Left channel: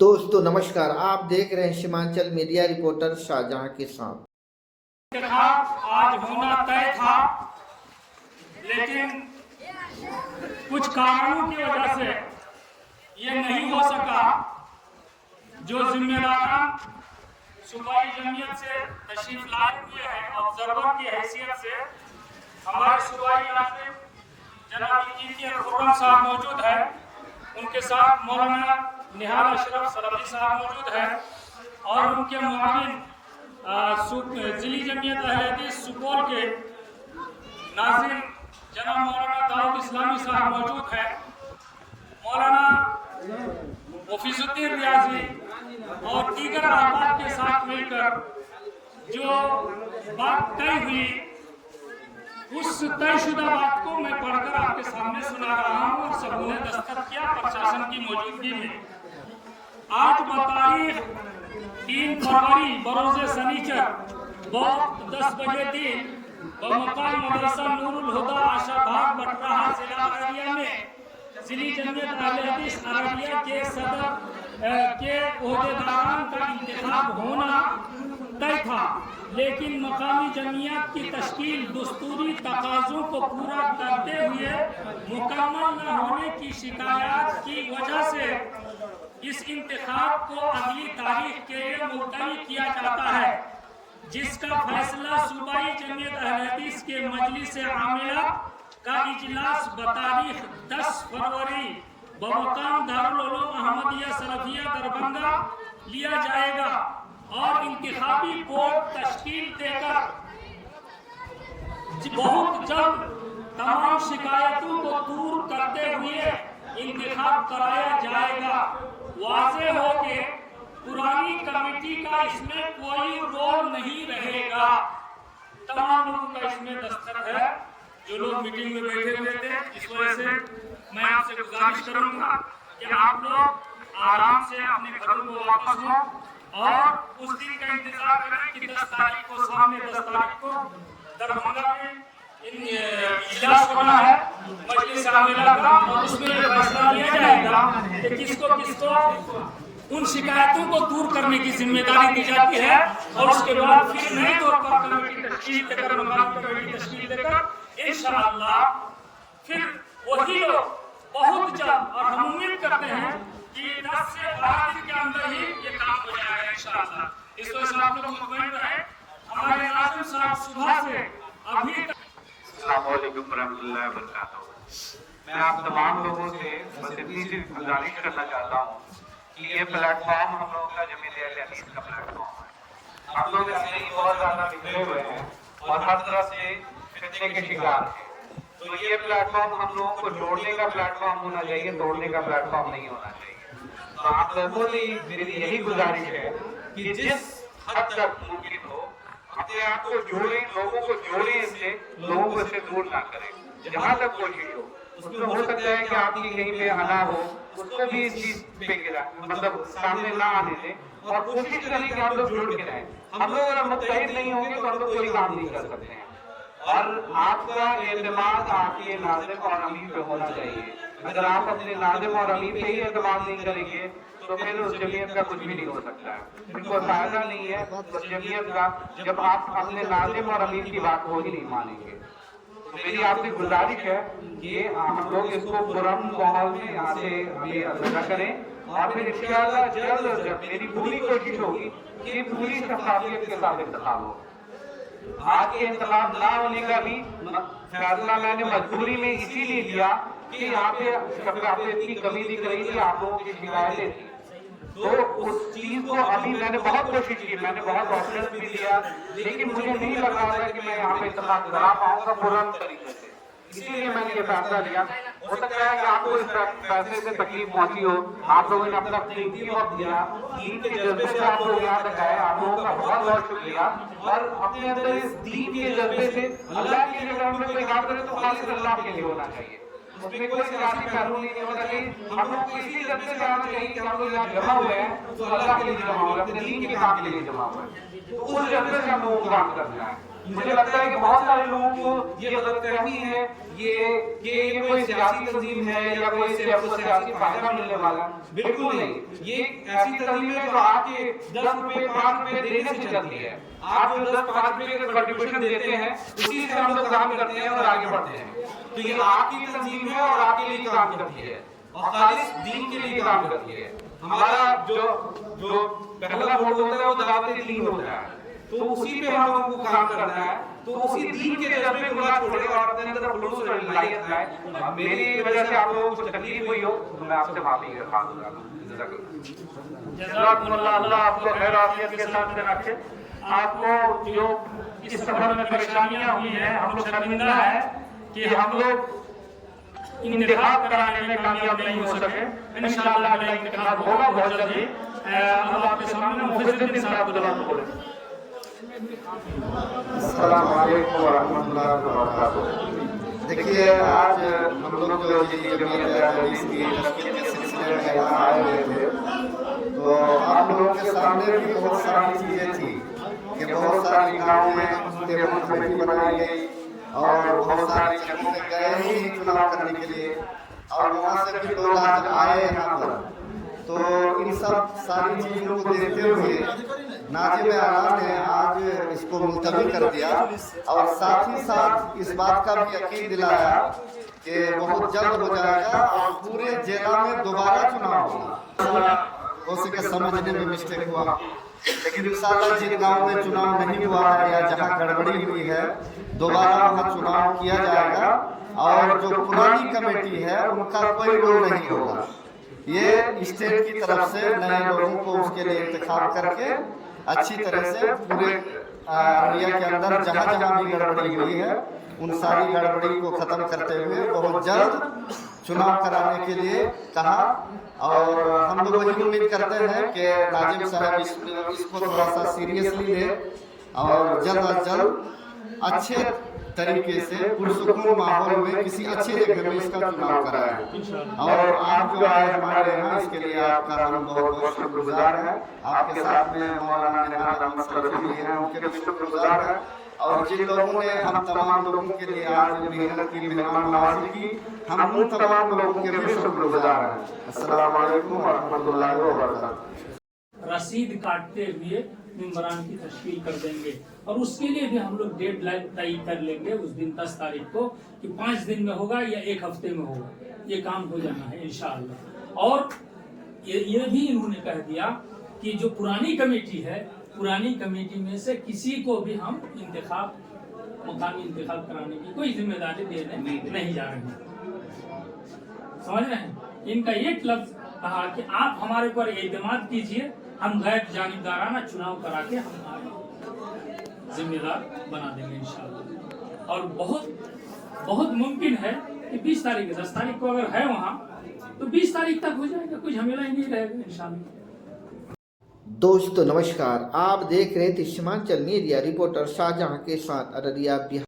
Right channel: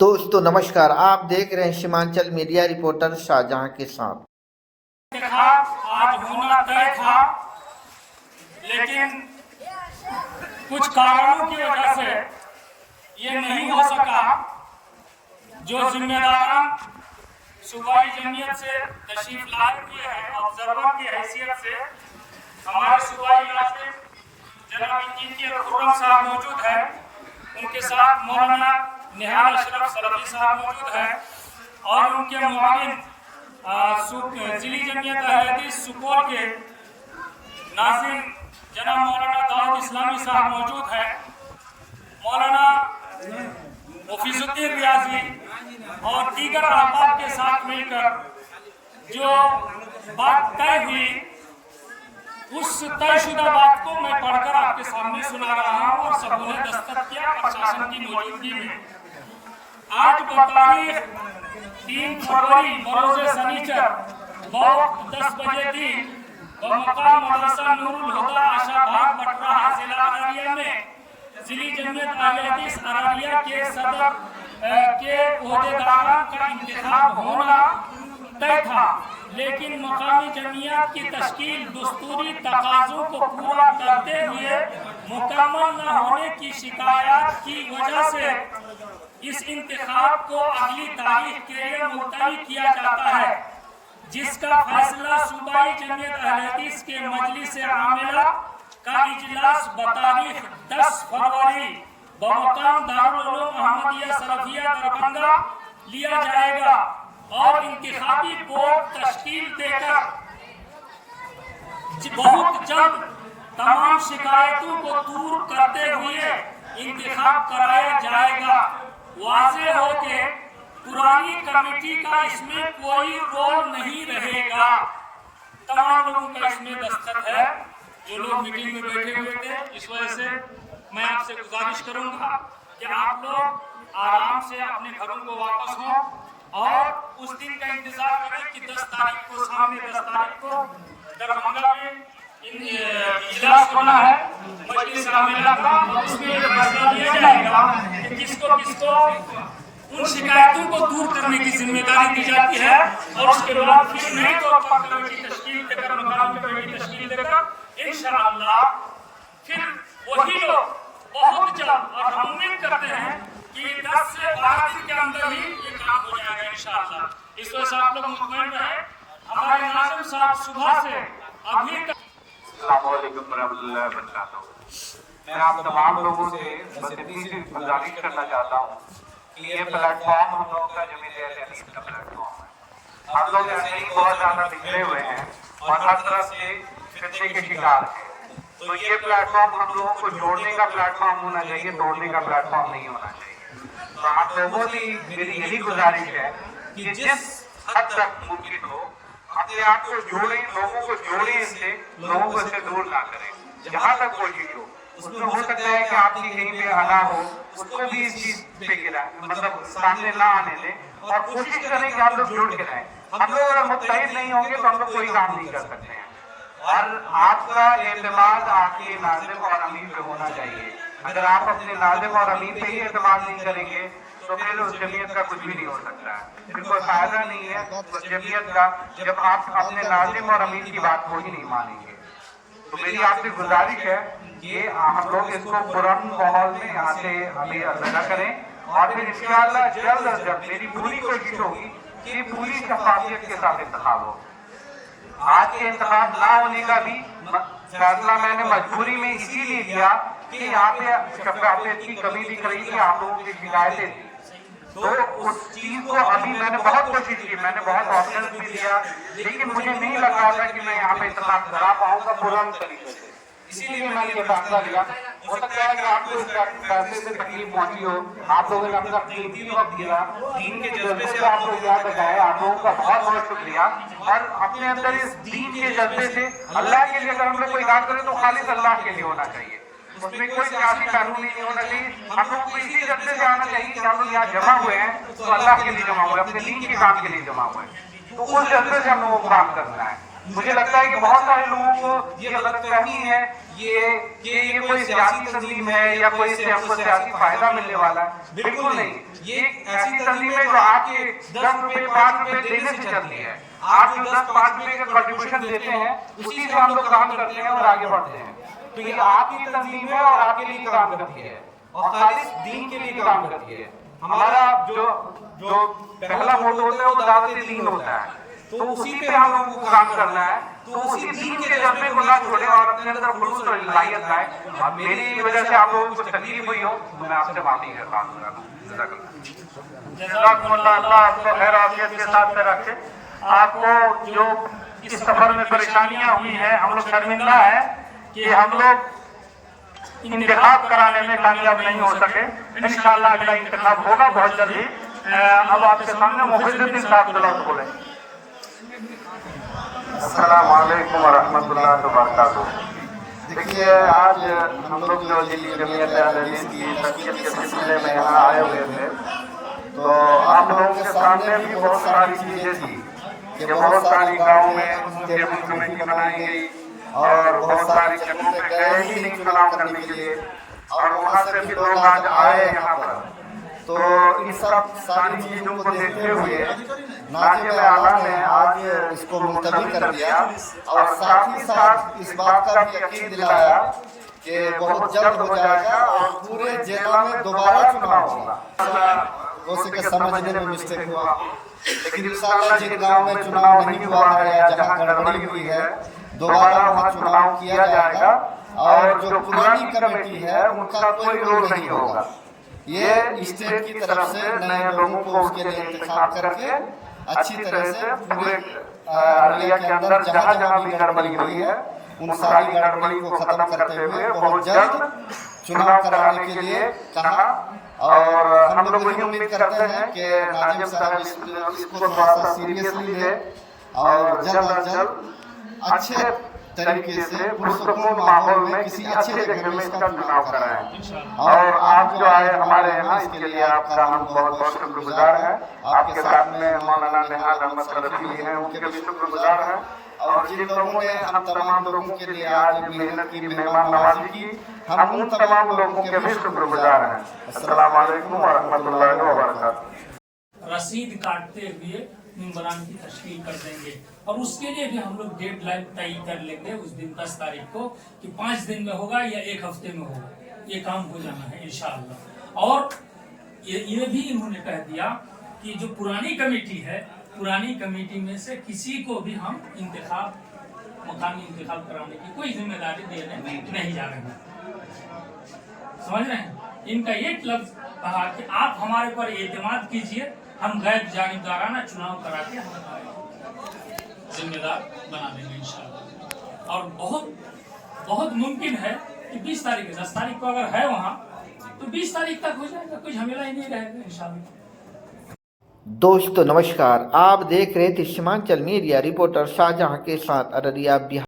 दोस्तों नमस्कार, आप देख रहे हैं सीमांचल मीडिया रिपोर्टर शाहजहां के साथ। आज होना तय था, लेकिन कुछ कारणों की वजह से ये नहीं हो सका। जो जिम्मेदारान सूबाई जमीयत से तशरीफ लाए हुए हैं, ऑब्जर्वर की हैसियत से हमारे सूबाई इलाके जनाब इंजीनियर खुर्रम साहब मौजूद हैं। उनके साथ मौलाना निहाल अशरफ सलफी साहब मौजूद हैं और उनके मुआविन जिली जमीयत अहले हदीस सुपौल के नाज़िम जनाब मौलाना दाऊद इस्लामी साहब मौजूद हैं। मौलाना हफीजुद्दीन रियाजी और दीगर अहबाब के साथ मिलकर जो बात तय हुई, उस तयशुदा बात को मैं पढ़कर आपके सामने सुना रहा हूँ और सबों ने दस्तखत किया प्रशासन की मौजूदगी में। आज बतारीख 3 फरवरी बरोज़े सनीचर वक्त 10 बजे दिन बमकाम मदरसा नूरुल हुदा आशाबाग बटराहा जिला अररिया में जिली जमीयत अहले हदीस अररिया के सदर के ओहदेदारान का इंतखाब होना तय था, लेकिन मकामी जमीयत की तश्कील दस्तूरी तकाज़ों को पूरा करते हुए मुकम्मल न होने की शिकायत की वजह से इस इंतखाब को अगली तारीख के लिए मुलतवी किया जाता है, जिसका फैसला सूबाई जमीयत अहले हदीस के मजलिस आमिला का इजलास बतारीख 10 फरवरी बमकाम दारुल उलूम अहमदिया सलफिया दरभंगा लिया जाएगा और इंतखाबी बोर्ड तश्कील देकर बहुत जल्द तमाम शिकायतों को दूर करते हुए इंतखाब कराया जाएगा। वाज़े हो के पुरानी कमेटी का इसमें कोई रोल नहीं रहेगा। तमाम लोगों का इसमें दस्तखत है जो लोग मीटिंग में बैठे हुए थे। इस वजह से मैं आपसे गुजारिश करूंगा कि आप लोग आराम से अपने घरों को वापस हों और उस दिन का इंतजार करें कि 10 तारीख को सामने 10 तारीख को दरभंगा में इजलास होना है मजलिस आमिला का, और उसमें फैसला लिया जाएगा कि किसको किसको उन शिकायतों को दूर करने की जिम्मेदारी दी जाती है। और उसके बाद फिर नई तौर पर कमेटी तश्कील देकर मकामी कमेटी तश्कील देकर इंशाअल्लाह फिर वही लोग बहुत जल्द, और हम उम्मीद करते हैं कि 10 से 12 दिन के अंदर ही ये काम हो जाएगा इंशाअल्लाह। इस वजह से आप लोग मुतमईन रहे। हमारे नाज़िम साहब सुबह से अभी तक अस्सलामु अलैकुम रहमतुल्लाहि व बरकातहू। मैं आप तमाम लोगों से बस इतनी सी गुजारिश करना चाहता हूँ कि ये प्लेटफॉर्म हम लोगों का जमीयत अहले हदीस का प्लेटफॉर्म है। हम लोग ऐसे ही बहुत ज़्यादा बिखरे हुए हैं और हर तरफ से फितने के शिकार हैं। तो ये प्लेटफॉर्म हम लोगों को जोड़ने का प्लेटफॉर्म होना चाहिए, तोड़ने का प्लेटफॉर्म नहीं होना चाहिए। तो आप लोगों से मेरी यही गुजारिश है कि जिस हद तक मुमकिन हो अपने आप को जोड़ें, लोगों को जोड़ें, इससे लोगों को इससे दूर ना करें। जहाँ तक कोशिश हो, उसमें हो सकता है कि आपकी कहीं पे आना हो, उसको भी इस चीज पे गिराएं, मतलब सामने ना आने दें और कोशिश करें कि हम लोग जुड़ के रहें। हम लोग अगर मुत्तहिद नहीं होंगे तो हम लोग कोई काम नहीं कर सकते हैं। और आपका एतमाद आपके नाज़िम और अमीर पे होना चाहिए। अगर आप अपने नाज़िम और अमीर पे ही एतमाद नहीं करेंगे तो फिर उस जमीयत का कुछ भी नहीं हो सकता है, फिर कोई फायदा नहीं है उस जमीयत का जब आप अपने नाज़िम और अमीर की बात को ही नहीं मानेंगे। तो मेरी आपसे गुजारिश है कि हम लोग इसको पुरअमन माहौल में यहाँ से हमें अलग करें और फिर इंशाअल्लाह जल्द अज जल्द मेरी पूरी कोशिश होगी कि पूरी शफाफियत के साथ इंतखाब हो। आज के इंतखाब ना होने का भी फैसला मैंने मजबूरी में इसीलिए लिया कि यहाँ पे शफाफियत की कमी दिख रही थी, आप लोगों की शिकायतें थी। तो उस चीज को अभी मैंने बहुत कोशिश की, मैंने बहुत ऑप्शन भी दिया, लेकिन मुझे नहीं लग रहा था कि मैं यहाँ पे इंतखाब करा पाऊंगा पूर्ण तरीके से। इसीलिए मैंने ये फैसला लिया। हो सकता है कि आपको इस फैसले से तकलीफ पहुंची हो, आप लोगों ने अपना कीमती वक्त दिया, दीन के जज्बे से आप लोग याद रखाए, आप लोगों का बहुत बहुत शुक्रिया। और अपने अंदर इस दीन के जज्बे से अल्लाह के लिए अगर हम लोग कोई काम करें तो खालिस अल्लाह के लिए होना चाहिए, उसमें कोई सियासी कानून नहीं होना चाहिए। हम लोग को इसी जज्बे से आना चाहिए कि हम लोग यहाँ जमा हुए हैं तो अल्लाह के लिए जमा हुए, अपने दीन के काम के लिए जमा हुए हैं, तो उस जज्बे से हम लोगों को काम करना है। मुझे लगता है कि बहुत सारे लोगों को ये गलतफहमी है ये कोई सियासी तंजीम है या कोई इससे आपको सियासी फायदा मिलने वाला है। बिल्कुल नहीं, ये एक ऐसी तंजीम है जो आपके 10 रुपए 5 रुपए देने से चलती है। आप जो 10-5 रुपए का कंट्रीब्यूशन देते हैं उसी से हम लोग काम करते हैं और आगे बढ़ते हैं। तो ये आपकी तंजीम है और आपके लिए काम करती है और खालिस दीन के लिए काम करती है। हमारा जो पहला मोटो होता है वो दावत दीन होता है, तो उसी पे हम लोगों को काम करना है। तो उसी दीन के जज्बे को ना छोड़े और अपने अंदर खुलूस और इलाहियत लाए। अब मेरी वजह से आप लोगों को कुछ तकलीफ हुई हो तो मैं आपसे माफी का काम करा दूं। जज़ाकुमुल्लाह, अल्लाह आपको खैर आफियत के साथ पे रखे। आपको जो इस सफर में परेशानियां हुई हैं, हम लोग शर्मिंदा हैं कि हम लोग इंतखाब कराने में कामयाब नहीं हो सके। इंशाअल्लाह अगला इंतखाब होगा बहुत जल्दी। अब आपके सामने मुफिद्दीन साहब तलत बोले। अस्सलाम वालेकुम व रहमतुल्लाहि व बरकातुहू। देखिए, आज हम लोग जो जमीयत अहले हदीस की तशकील के सिलसिले में यहाँ आए हुए थे, तो आप लोगों के सामने भी बहुत सारी चीजें थी कि बहुत सारी गाँव में टेबल कमेटी बनाई गई और बहुत सारी जगहों पे गए ही नहीं चुनाव करने के लिए, और वहाँ से भी लोग आज आए यहाँ पर। तो इन सब सारी चीजों को देखते हुए नाज़िम आला ने आज इसको मुलतवी कर दिया और साथ ही साथ इस बात का भी यकीन दिलाया कि बहुत जल्द हो जाएगा और पूरे जिला में दोबारा चुनाव होगा। हो सके समझने में मिस्टेक हुआ, लेकिन इंशाअल्लाह जिन गाँव में चुनाव नहीं हुआ है या जहाँ गड़बड़ी हुई है, दोबारा वहाँ चुनाव किया जाएगा और जो पुरानी कमेटी है उनका कोई रोल नहीं होगा। ये स्टेट की तरफ से नए लोगों को उसके लिए इंतखाब करके अच्छी तरह से पूरे अररिया के अंदर जहाँ जहाँ भी गड़बड़ी हुई है उन सारी गड़बड़ी को खत्म करते हुए बहुत जल्द चुनाव कराने के लिए कहा। और हम लोग यही उम्मीद करते हैं कि नाज़िम साहब इसको थोड़ा सा सीरियसली ले और जल्द अज जल्द अच्छे तरीके से पुरसुकून माहौल में किसी अच्छी जगह में इसका चुनाव कराएं। और आप जो आए हमारे यहाँ, इसके लिए आपका हम बहुत बहुत शुक्रगुजार हैं। आपके साथ में मौलाना निहाल अहमद सलफी भी हैं, उनके भी शुक्रगुजार हैं। और जिन लोगों ने हम तमाम लोगों के लिए आज मेहनत की, मेहमान नवाजी की, हम उन तमाम लोगों के भी शुक्रगुजार हैं। अस्सलाम वालेकुम व रहमतुल्लाहि व बरकातुहू। रसीद काटते हुए मेंबरान की तश्कील कर देंगे और उसके लिए भी हम लोग डेडलाइन तय कर लेंगे उस दिन 10 तारीख को कि 5 दिन में होगा या 1 हफ्ते में होगा। ये काम हो जाना है इंशाअल्लाह। और ये भी इन्होंने कह दिया कि जो पुरानी कमेटी है, पुरानी कमेटी में से किसी को भी हम मकामी इंतखाब कराने की कोई जिम्मेदारी देने नहीं जा रहे हैं। समझ रहे हैं? इनका एक लफ्ज कहा कि आप हमारे पर एतमाद कीजिए, हम गैर जानिबदाराना चुनाव करा के हम जिम्मेदार बना देंगे इंशाअल्लाह। और बहुत मुमकिन है कि 20 तारीख 10 तारीख को अगर है वहाँ तो 20 तारीख तक हो जाएगा, कुछ झमेला ही नहीं रहेगा इंशाअल्लाह। दोस्तों नमस्कार, आप देख रहे थे सीमांचल मीडिया रिपोर्टर शाहजहां के साथ अररिया बिहार।